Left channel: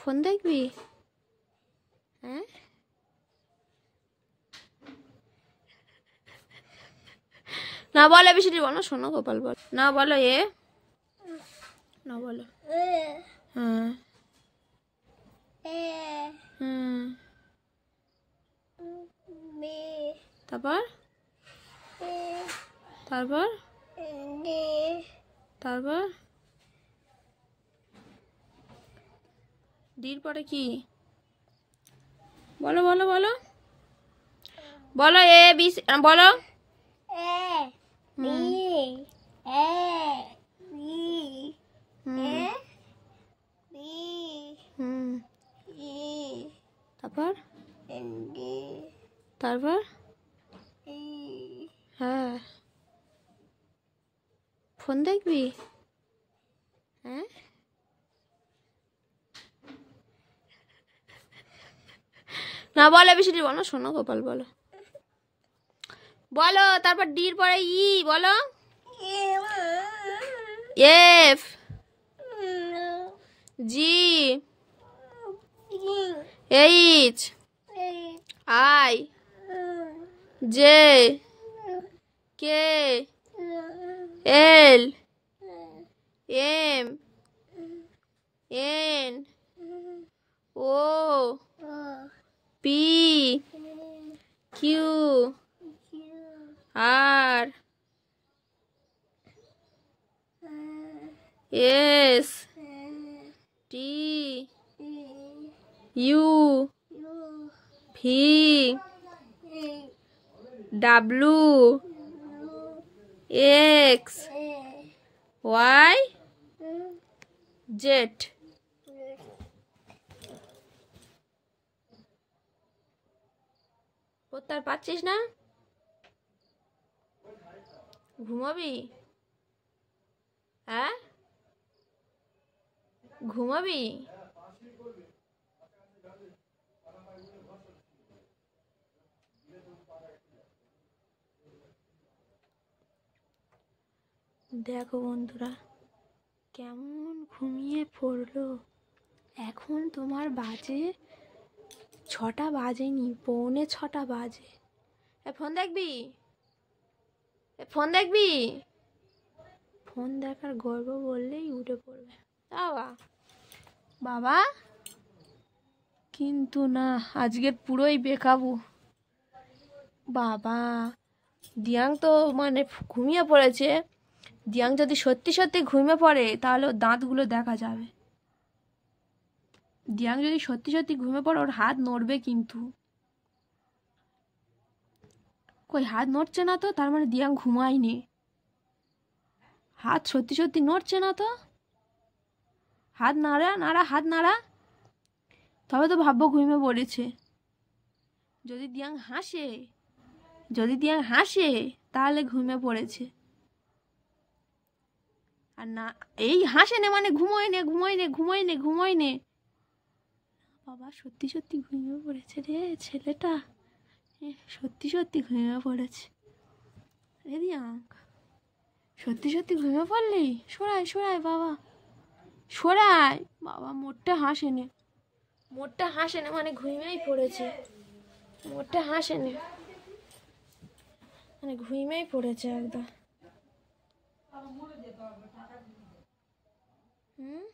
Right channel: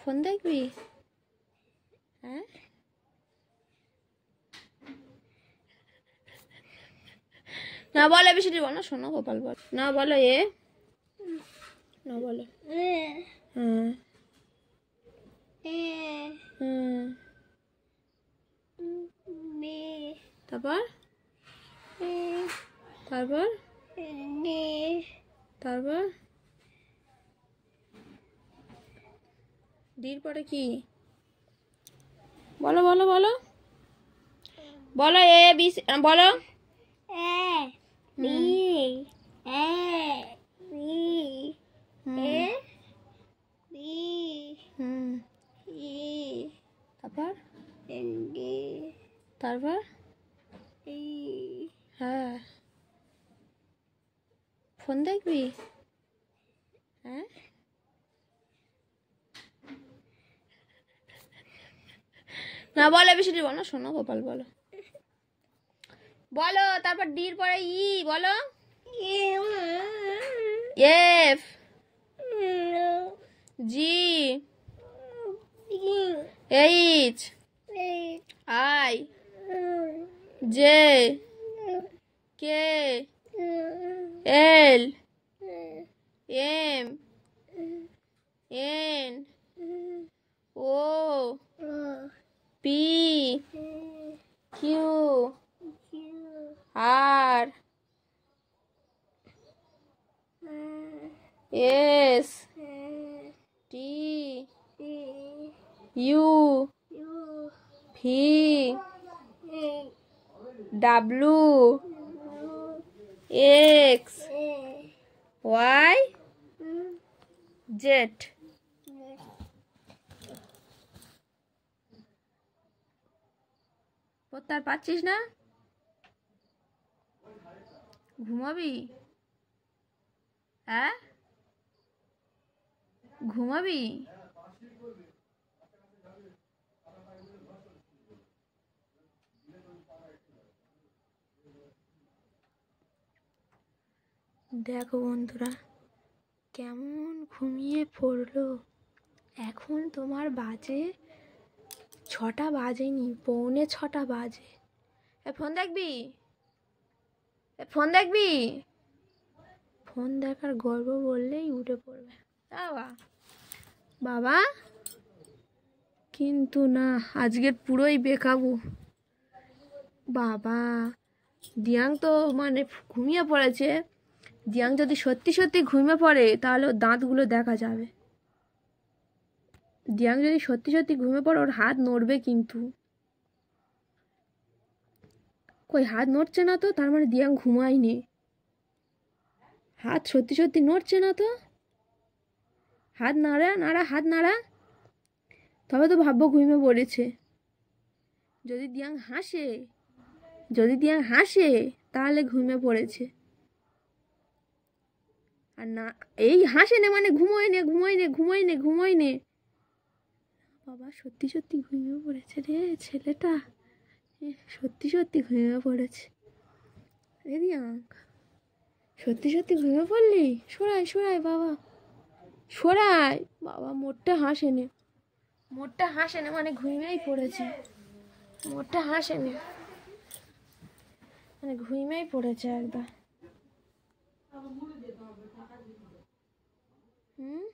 Phone দেখবি? হ্যাঁ, না বলো বেশি বলো, শোনো গোপাল বল না, বলো এ না, বলো হুম হুম, তারপর তারপর তারপর ডির পরে কি? বলো বলো বলো বলো, এ বি বলো। তারপর তারপর হ্যাঁ, ফোন দেখবি? হ্যাঁ, না বলো বেশি বলো, শোনো গোপাল বলো বলো। তারপর ডির পরে ই বলো। F G H I J K L M N O P Q R S T U V W X Y Z. পড়তে আর পারছিস না? ঘুমাবি? হ্যাঁ, ঘুমাবি? দেখো বন্ধুরা কেমন ঘুমিয়ে পড়লো। এখন তোমার বাজে 6টা বাজেনি, পৌনে 6টা বাজে। ফোন দেখবি? ফোন দেখবি? ফোন দেখার গর্ব বললেই উঠে পড়বে বাবা বাবা, কিন্তু না, আজকের পুরোই বেকাবু বাবা। দিয়াং তো মানে ঘুমিয়ে পড়েছে। দিয়াং যদি সত্যি সত্যি ঘুমিয়ে পড়ে তাহলে ওর দাঁতগুলো দেখা যাবে। দিয়াং যদি সত্যি সত্যি ঘুমিয়ে পড়ে ওর হাত নড়বে কিন্তু। কই হাত নড়ছে না তো, তার মানে দিয়াং ঘুমায়নি। হাত সত্যি সত্যি নড়ছে না তো, হাত নাড়া নাড়া, হাত নাড়া, তবে তো ভাববো ঘুমিয়ে পড়েছে। যদি দিয়াং হাসে, যদি দিয়াং হাসে তাহলে ঘুমিয়ে পড়েছে। আর না, এই হাসে নে মানে ঘুমোয় নে ঘুমোয় নে ঘুমোয় নে ঘুমোয় নে। বাবা সত্যি সত্যি ঘুমিয়ে পড়েছে রে ছেলেটা, সত্যি সত্যি ঘুমিয়ে পড়েছে রে দিয়াং। সত্যি সত্যি ঘুমিয়ে পড়লি? সরাই সরাই বাবা, সরাই বাবা। মোটটা হাসে নে, মোটটা হাসে নে মানে ঘুমিয়েই পড়েছে। মোটটা হাসে নে মানে ঘুমিয়েই পড়েছে একদম। হুম,